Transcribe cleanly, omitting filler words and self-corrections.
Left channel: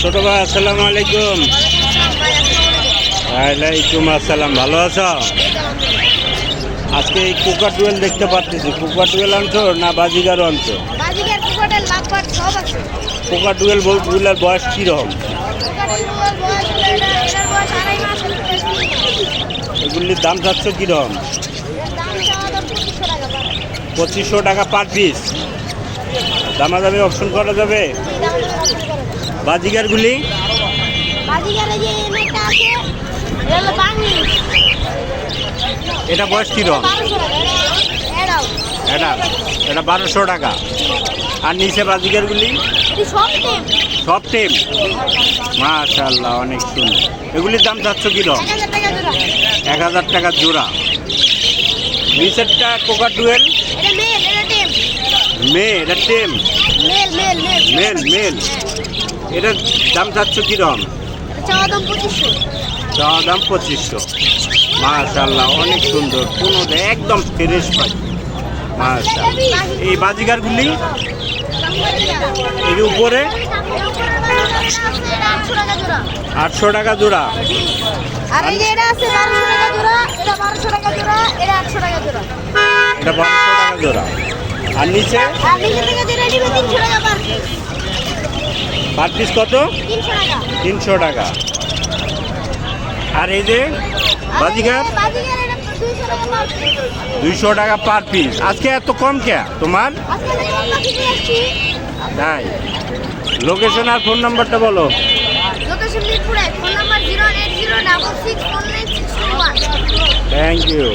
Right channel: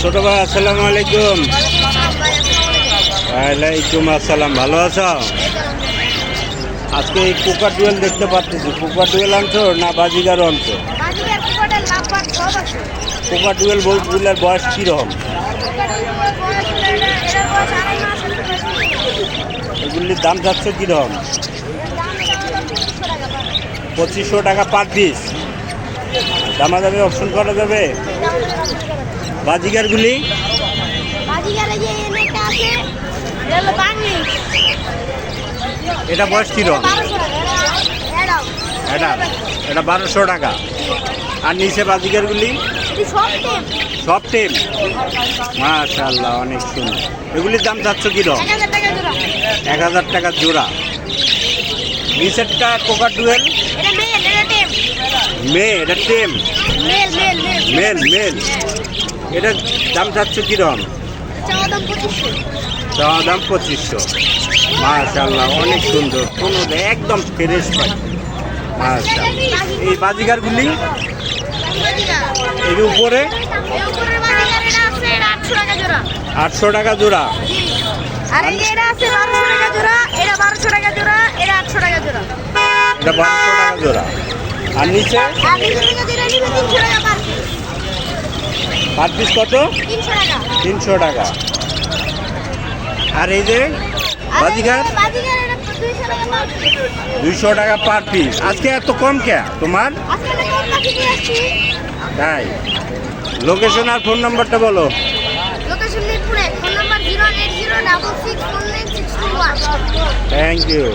ছোট ভাই আসসালামু আলাইকুম। ওয়ালাইকুম আসসালাম। ভালো আছো? আজকে এই কুকার ডুয়েল দেখতে পাচ্ছি। কুকার ডুয়েল আনছো না বাজিগারও আনছো? কুকার ডুয়েল বলগুলোর বয়স কীরকম? এগুলির দাম যাচ্ছ কীরকম? 2500 টাকা পার পিস। দামাদামি অপশন করা যাবে? বাজিগারগুলি এটা বয়স কীরকম? এটা 1200 টাকা। আর নিচে বাজিগারগুলি সব টেম। মাশাআল্লাহ, অনেক সুন্দর। এগুলির দাম চাচ্ছ কীরকম? 1000 টাকা জোড়া। নিচেরটা কোকার ডুয়েল মেয়ে, এটা টেম। মেল। এটার দাম চাচ্ছ কীরকম? চাওয়া দাম 2500। মাশাআল্লাহ, অনেক সুন্দর। কোনো একদম ফ্রেশ পাই। মাশাআল্লাহ। এই বাজিগারগুলি এর উপরে 800 টাকা জোড়া। এটা 1200 টাকা জোড়া। আর নিচে পার পিস কত? 300 টাকা। আর এই যে বাজিগার 200 টাকা পার পিস। আজকে এত কম কে তোমার? তাই? লোকেশন আর ফোন নাম্বারটা বলো। লোকেশন মিরপুরে, ফোন নাম্বার 080664961। Thank you.